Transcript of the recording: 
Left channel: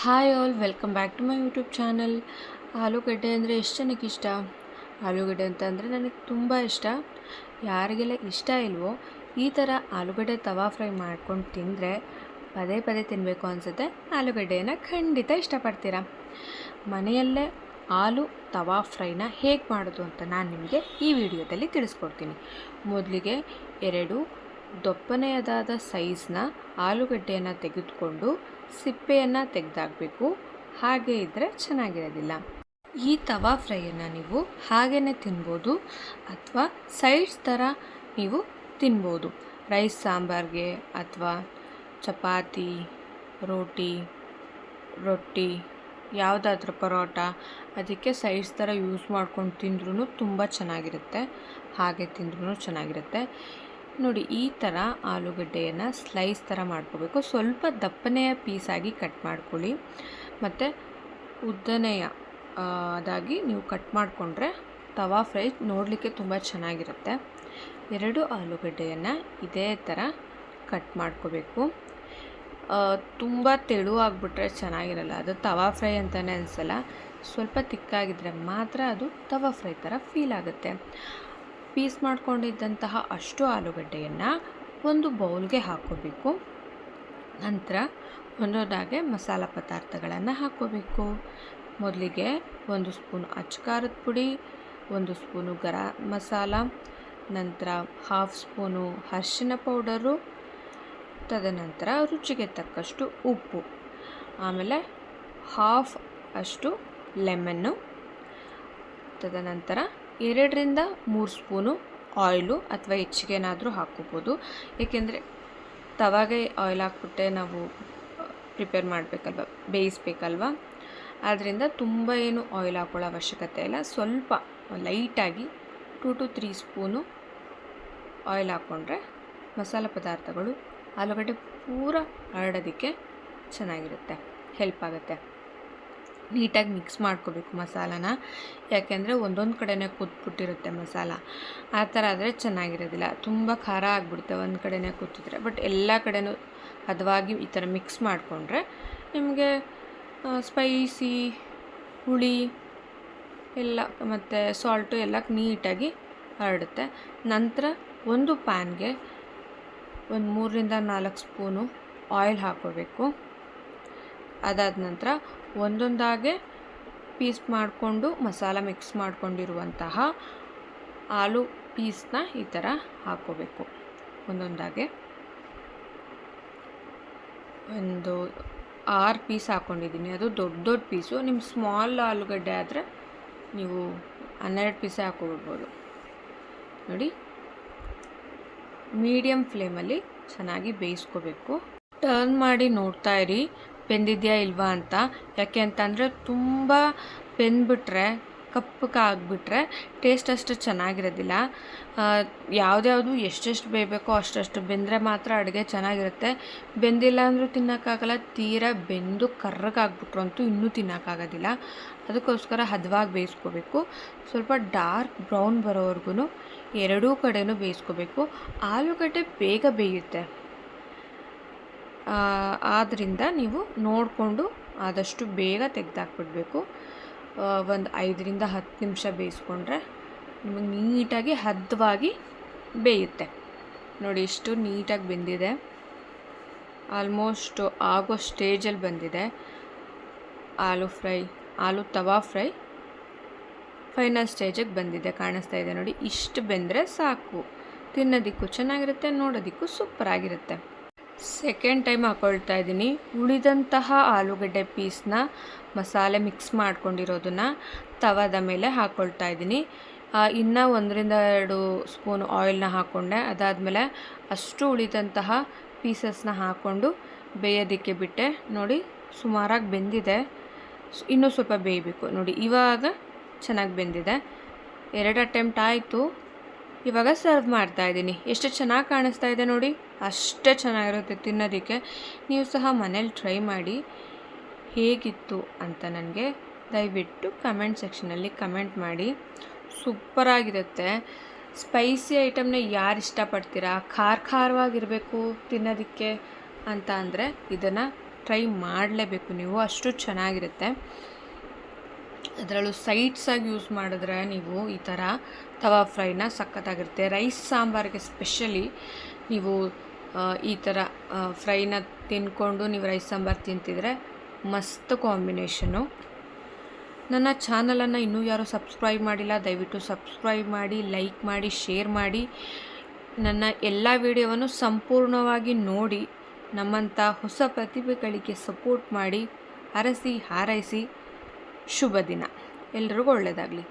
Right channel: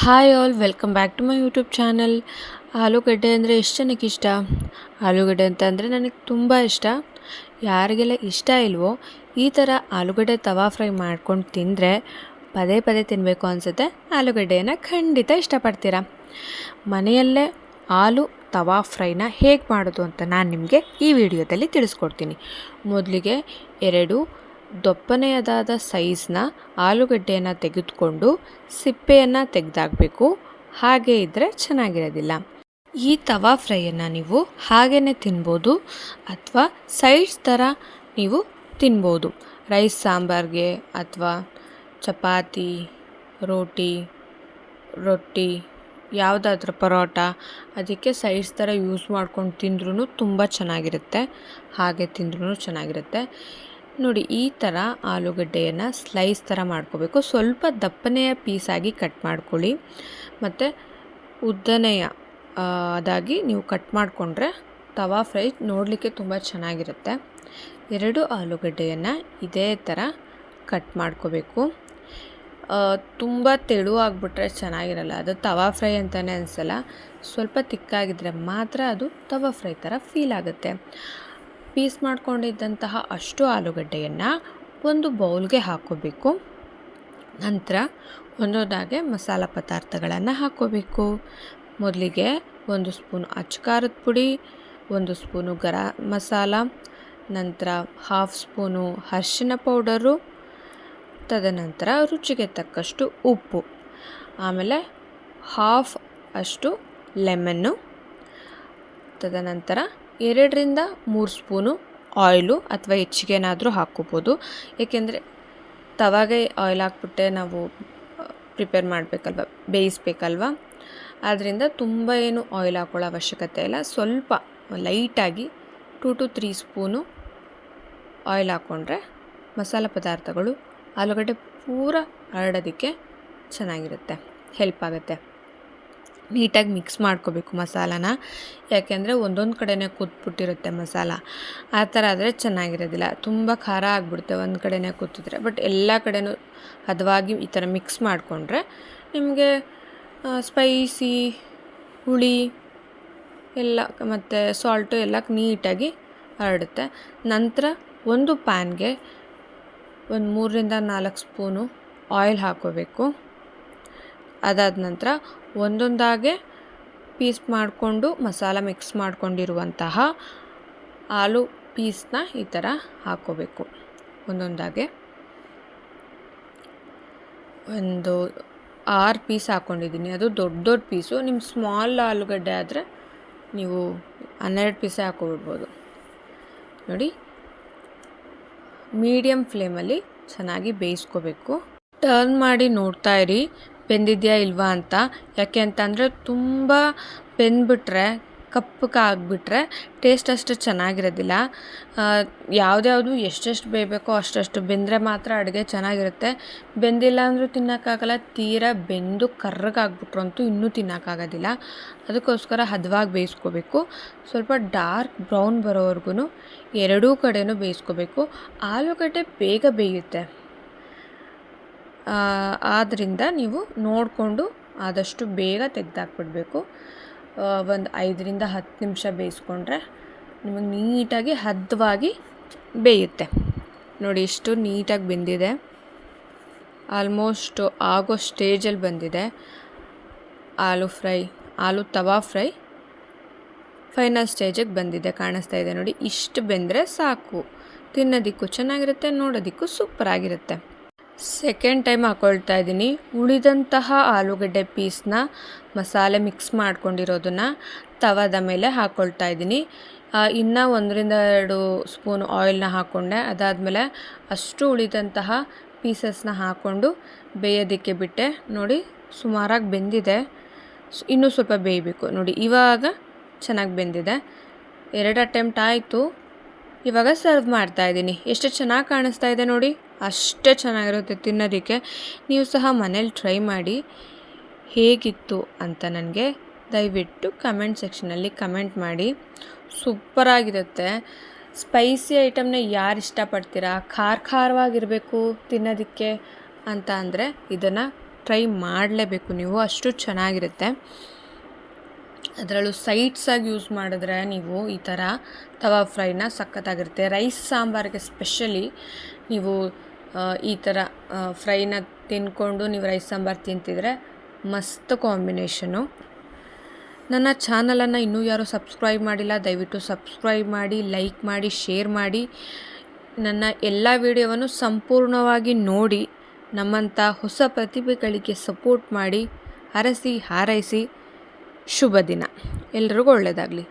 Hi all, welcome back to my YouTube channel. ಆಲೂಗಡ್ಡೆ ಅಂದರೆ ಎಷ್ಟು ಜನಕ್ಕೆ ಇಷ್ಟ? ಆಲೂಗಡ್ಡೆ ಅಂತ ಅಂದರೆ ನನಗೆ ತುಂಬ ಇಷ್ಟ. ಯಾರಿಗೆಲ್ಲ ಇಷ್ಟ ಇಲ್ವೋ ಈ ಥರ ಆಲೂಗಡ್ಡೆ ತವಾ ಫ್ರೈ ಮಾಡ್ಕೊಂಡು ತಿಂದರೆ ಪದೇ ಪದೇ ತಿನ್ನಬೇಕು ಅನಿಸುತ್ತೆ. ಆಲೂಗಡ್ಡೆಯನ್ನು ಖಂಡಿತ ಇಷ್ಟಪಡ್ತೀರಾ. ಮನೆಯಲ್ಲೇ ಆಲೂ ತವಾ ಫ್ರೈನ ಹೇಗೆ ಮಾಡೋದು ಅಂತ ನಾನು ನಿಮಗೆ ಈ ವಿಡಿಯೋದಲ್ಲಿ ತಿಳಿಸ್ಕೊಡ್ತೀನಿ. ಮೊದಲಿಗೆ 2 ದಪ್ಪನೆಯದಾದ ಸೈಜ್ನ ಆಲೂಗಡ್ಡೆಯನ್ನು ತೆಗೆದುಕೊಂಡು ಸಿಪ್ಪೆಯನ್ನು ತೆಗೆದಾಕಬೇಕು. ಹಾಗೆ ಇದ್ದರೆ ಚೆನ್ನಾಗಿರೋದಿಲ್ಲ. ಈ ತವಾ ಫ್ರೈಯನ್ನು ನೀವು ಹಾಗೇ ತಿನ್ಬೋದು ಅಥವಾ ಸೈಡ್ಸ್ ಥರ ನೀವು ತಿನ್ಬೋದು. ರೈಸ್ ಸಾಂಬಾರ್ಗೆ ಅಥವಾ ಚಪಾತಿ, ರೊಟ್ಟಿ ಯಾವುದಾದ್ರೂ ಪರೋಟ ಅದಕ್ಕೆ ಸೈಡ್ಸ್ ಥರ ಯೂಸ್ ಮಾಡ್ಕೊಂಡು ತಿಂದ್ರೂ ತುಂಬ ಚೆನ್ನಾಗಿರುತ್ತೆ. ಹಾಗೆ ತಿಂದ್ರೂ ಚೆನ್ನಾಗಿರುತ್ತೆ. ನೋಡಿ, ಈ ಥರ ಆಲೂಗಡ್ಡೆಯನ್ನು ಸ್ಲೈಸ್ ಥರ ಮಾಡ್ಕೋಬೇಕು. ಸ್ವಲ್ಪ ದಪ್ಪನೆಯ ಪೀಸಾಗಿ ಕಟ್ ಮಾಡ್ಕೊಳ್ಳಿ ಮತ್ತು ಉದ್ದನೆಯ ಅದಾಗಿ ನೀವು ಕಟ್ ಮಾಡಿಕೊಂಡ್ರೆ ತವಾ ಫ್ರೈ ನೋಡಲಿಕ್ಕೆ ತುಂಬ ಚೆನ್ನಾಗಿರುತ್ತೆ. 2 ಆಲೂಗಡ್ಡೆಯನ್ನು ಇದೇ ಥರ ಕಟ್ ಮಾಡ್ಕೋಬೇಕು. ತುಂಬ ತೆಳುವಾಗಿಬಿಟ್ರೆ ಚೆನ್ನಾಗಿರಲ್ಲ, ಅದು ತವಾ ಫ್ರೈ ಅಂತಲೇ ಅನಿಸಲ್ಲ. ಸ್ವಲ್ಪ ತಿಕ್ಕಾಗಿದ್ದರೆ ಮಾತ್ರ ಅದು ತವಾ ಫ್ರೈ ಥರ ಫೀಲ್ ಆಗುತ್ತೆ. ಪೀಸ್ ಮಾಡ್ಕೊಂಡಿದ್ದಂತಹ ಅಷ್ಟು ಆಲೂಗಡ್ಡೆಯನ್ನು ಒಂದು ಬೌಲ್ಗೆ ಹಾಕ್ಕೋಬೇಕು. ನಂತರ ಒಂದೊಂದಾಗೆ ಮಸಾಲ ಪದಾರ್ಥಗಳನ್ನು ಹಾಕ್ಕೋಬೇಕು. ಮೊದಲಿಗೆ 1 ಸ್ಪೂನ್ ಅಚ್ಚಕಾರದ ಪುಡಿ, 1 ಸ್ಪೂನು ಗರಂ ಮಸಾಲ, ನಂತರ 1/2 ಸ್ಪೂನು ಅರಿಶಿನ ಪೌಡರು, ತದನಂತರ ರುಚಿಗೆ ತಕ್ಕಷ್ಟು ಉಪ್ಪು, ಆಮೇಲೆ 1/2 ಅಷ್ಟು ಲೆಮನ್ನು, ತದನಂತರ 2ರಿಂದ 3 ಸ್ಪೂನು ಆಯಿಲು ಅಥವಾ ಹೆಚ್ಚಿಗೆನಾದರೂ ಹಾಕ್ಕೋಬೋದು. ಏಕೆಂದರೆ ತವಾಗೆ ಆಯಿಲ್ ಹಾಕ್ಬಿಟ್ಟೆ ನಾವು ಪ್ರಿಪೇರ್ ಮಾಡಬೇಕಲ್ವ, ಬೇಯಿಸ್ಬೇಕಲ್ವ. ಆದ್ದರಿಂದ ತುಂಬ ಏನು ಆಯಿಲ್ ಹಾಕೊಳ್ಳೋ ಅವಶ್ಯಕತೆ ಇಲ್ಲ. ಸ್ವಲ್ಪ ಲೈಟಾಗಿ 2 to 3 ಸ್ಪೂನು ಆಯಿಲ್ ಹಾಕ್ಕೊಂಡ್ರೆ ಮಸಾಲ ಪದಾರ್ಥಗಳು ಆಲೂಗಡ್ಡೆ ಪೂರ ಹರಡೋದಕ್ಕೆ ಚೆನ್ನಾಗಿರುತ್ತೆ, ಹೆಲ್ಪ್ ಆಗುತ್ತೆ. ನೀಟಾಗಿ ಮಿಕ್ಸ್ ಮಾಡ್ಕೋಬೇಕು ಮಸಾಲಾನ. ಯಾಕೆಂದರೆ ಒಂದೊಂದು ಕಡೆನೇ ಕೂತ್ಬಿಟ್ಟಿರುತ್ತೆ ಮಸಾಲ. ಆ ಥರ ಆದರೆ ಚೆನ್ನಾಗಿರೋದಿಲ್ಲ, ತುಂಬ ಖಾರ ಆಗಿಬಿಡುತ್ತೆ ಒಂದು ಕಡೆನೇ ಕೂತಿದ್ರೆ. ಬಟ್ ಎಲ್ಲ ಕಡೆನೂ ಹದವಾಗಿ ಈ ಥರ ಮಿಕ್ಸ್ ಮಾಡಿಕೊಂಡ್ರೆ ನಿಮಗೆ ಸ್ಪೈಸಿ, ಹುಳಿ ಎಲ್ಲ ಮತ್ತು ಸಾಲ್ಟು ಎಲ್ಲ ನೀಟಾಗಿ ಹರಡುತ್ತೆ. ನಂತರ ಒಂದು ಪ್ಯಾನ್ಗೆ 3ರಿಂದ 4 ಸ್ಪೂನು ಆಯಿಲ್ ಹಾಕ್ಕೋಬೇಕು. ಅದಾದ ನಂತರ ಒಂದೊಂದಾಗೆ ಪೀಸ್ ಮಾಡಿಕೊಂಡು ಮಸಾಲ ಮಿಕ್ಸ್ ಮಾಡ್ಕೊಂಡಿರುವಂತಹ ಆಲೂ ಪೀಸ್ನ ಈ ಥರ ಹಾಕ್ಕೋಬೇಕು. ಒಂದೊಂದಾಗೆ 6 ಪೀಸ್ ಹಾಕ್ಕೊಂಡಿದ್ದೀನಿ. ಅದು ದೊಡ್ಡ ಪೀಸು. ನಿಮ್ಮ ಸ್ಮಾಲ್ ಆಲೂಗಡ್ಡೆ ಆದರೆ ನೀವು 12 ಪೀಸೇ ಹಾಕ್ಕೊಬಿಡ್ಬೋದು. ನೋಡಿ, ಮೀಡಿಯಮ್ ಫ್ಲೇಮಲ್ಲಿ ಚೆನ್ನಾಗಿ ಬೇಯಿಸ್ಕೋಬೇಕು. ಟರ್ನ್ ಮಾಡಿ ನೋಡ್ತಾ ಇರಿ ಬೆಂದಿದೆಯಾ ಇಲ್ವಾ ಅಂತ. ಯಾಕೆ ಅಂತಂದರೆ ತುಂಬ ಬೆಂದ್ಬಿಟ್ರೆ, ಕಪ್ಪಗಾಗ್ಬಿಟ್ರೆ ಟೇಸ್ಟ್ ಅಷ್ಟು ಚೆನ್ನಾಗಿರೋದಿಲ್ಲ. ಯಾವುದ್ಯಾವುದು ಎಷ್ಟೆಷ್ಟು ಬೇಯಬೇಕೋ ಅಷ್ಟಷ್ಟು ಬೆಂದರೆ ಮಾತ್ರ ಅಡುಗೆ ಚೆನ್ನಾಗಿರುತ್ತೆ. ಬೆಂದಿಲ್ಲ ಅಂದರೂ ತಿನ್ನೋಕ್ಕಾಗಲ್ಲ, ತೀರಾ ಬೆಂದು ಕರ್ರಗಾಗ್ಬಿಟ್ರು ಅಂತೂ ಇನ್ನೂ ತಿನ್ನೋಕ್ಕಾಗೋದಿಲ್ಲ. ಅದಕ್ಕೋಸ್ಕರ ಹದವಾಗಿ ಬೇಯಿಸ್ಕೋಬೇಕು. ಸ್ವಲ್ಪ ಡಾರ್ಕ್ ಬ್ರೌನ್ ಬರೋವರೆಗೂ ಎರಡೂ ಕಡೆನೂ ಬೇಯಿಸ್ಕೋಬೇಕು. ಆಲೂಗಡ್ಡೆ ಬೇಗ ಬೇಯುತ್ತೆ, ಆದ್ದರಿಂದ ನೀವು ನೋಡಿಕೊಂಡು ಆದಷ್ಟು ಬೇಗ ತೆಗೆದಾಕ್ಬಿಡ್ಬೇಕು. ಒಂದು 5ರಿಂದ 10 ನಿಮಿಷ ಬೇಯಿಸ್ಕೊಂಡ್ರೆ ನಿಮಗೆ ನೀಟಾಗಿ ಹದವಾಗಿ ಬೇಯುತ್ತೆ. ನೋಡಿ, ಇಷ್ಟು ನೀಟಾಗಿ ಬೆಂದಿದೆ. ಆಲ್ಮೋಸ್ಟ್ ಆಗೋ ಸ್ಟೇಜಲ್ಲಿ ಬಂದಿದೆ ಆಲೂ ತವಾ ಫ್ರೈ ಫೈನಲ್ ಸ್ಟೇಜಿಗೆ ಬಂದಿದೆ. ಕಾಣಿಸ್ತಾ ಇದೆ ನೋಡಿ, ಇಷ್ಟು ಬೆಂದರೆ ಸಾಕು. ತಿನ್ನೋದಕ್ಕೂ ಚೆನ್ನಾಗಿರುತ್ತೆ, ನೋಡೋದಕ್ಕೂ ಸೂಪರಾಗಿರುತ್ತೆ. ಸೆಕೆಂಡ್ ಟೈಮ್ ಹಾಕ್ಕೊಳ್ತಾ ಇದ್ದೀನಿ. ಉಳಿದಂತಹ ಆಲೂಗಡ್ಡೆ ಪೀಸ್ನ ಮಸಾಲೆ ಮಿಕ್ಸ್ ಮಾಡ್ಕೊಂಡಿರೋದನ್ನು ತವಾದ ಮೇಲೆ ಹಾಕ್ಕೊಳ್ತಾ ಇದ್ದೀನಿ. ಇನ್ನೂ 1ರಿಂದ 2 ಸ್ಪೂನ್ ಆಯಿಲ್ನ ಹಾಕ್ಕೊಂಡೆ. ಅದಾದಮೇಲೆ ಅಷ್ಟು ಉಳಿದಂತಹ ಪೀಸಸ್ನ ಹಾಕ್ಕೊಂಡು ಬೇಯೋದಕ್ಕೆ ಬಿಟ್ಟೆ. ನೋಡಿ, ಸುಮಾರಾಗಿ ಬೆಂದಿದೆ, ಇನ್ನೂ ಸ್ವಲ್ಪ ಬೇಯಬೇಕು. ನೋಡಿ, ಇವಾಗ ಚೆನ್ನಾಗಿ ಬೆಂದಿದೆ. 2 ಅಟೆಂಪ್ಟ್ ಆಯಿತು. ಇವಾಗ ಸರ್ವ್ ಮಾಡ್ತಾಯಿದ್ದೀನಿ. ಎಷ್ಟು ಚೆನ್ನಾಗಿ ಕಾಣಿಸ್ತಾ ಇದೆ ನೋಡಿ, ಅಷ್ಟೇ ಚೆನ್ನಾಗಿರುತ್ತೆ ತಿನ್ನೋದಕ್ಕೆ. ನೀವು ಸಹ ಮನೇಲಿ ಟ್ರೈ ಮಾಡಿ ಹೇಗಿತ್ತು ಅಂತ ನನಗೆ ದಯವಿಟ್ಟು ಕಮೆಂಟ್ ಸೆಕ್ಷನಲ್ಲಿ ಕಮೆಂಟ್ ಮಾಡಿ. ಸೂಪರಾಗಿರುತ್ತೆ. ಸ್ಪೈಸಿ ಐಟಮ್ನ ಯಾರು ಇಷ್ಟಪಡ್ತೀರಾ, ಖಾರವಾಗಿರಬೇಕು ತಿನ್ನೋದಕ್ಕೆ ಅಂತ ಅಂದರೆ ಇದನ್ನು ಟ್ರೈ ಮಾಡಲೇಬೇಕು ನೀವು, ಅಷ್ಟು ಚೆನ್ನಾಗಿರುತ್ತೆ. ಅದರಲ್ಲೂ ಸೈಡ್ಸಾಗಿ ಯೂಸ್ ಮಾಡಿದ್ರೆ ನೀವು ಈ ಥರ ತವಾ ಫ್ರೈನ ಸಖತ್ತಾಗಿರುತ್ತೆ. ರೈಸ್ ಸಾಂಬಾರಿಗೆ ಸ್ಪೆಷಲಿ ನೀವು ಈ ಥರ ಫ್ರೈನ ತಿಂದ್ಕೊಂಡು ನೀವು ರೈಸ್ ಸಾಂಬಾರು ತಿಂತಿದ್ರೆ ಮಸ್ತ್ ಕಾಂಬಿನೇಷನು. ನನ್ನ ಚಾನಲನ್ನು ಇನ್ನೂ ಯಾರೂ ಸಬ್ಸ್ಕ್ರೈಬ್ ಮಾಡಿಲ್ಲ, ದಯವಿಟ್ಟು ಸಬ್ಸ್ಕ್ರೈಬ್ ಮಾಡಿ, ಲೈಕ್ ಮಾಡಿ, ಶೇರ್ ಮಾಡಿ. ನನ್ನ ಎಲ್ಲ ವಿಡಿಯೋವನ್ನು ಸಂಪೂರ್ಣವಾಗಿ ನೋಡಿ ನಮ್ಮಂಥ ಹೊಸ ಪ್ರತಿಭೆಗಳಿಗೆ ಸಪೋರ್ಟ್ ಮಾಡಿ. ಹರಸಿ ಹಾರೈಸಿ. ಶುಭ ದಿನ. ಎಲ್ರಿಗೂ ಒಳ್ಳೆಯದಾಗಲಿ.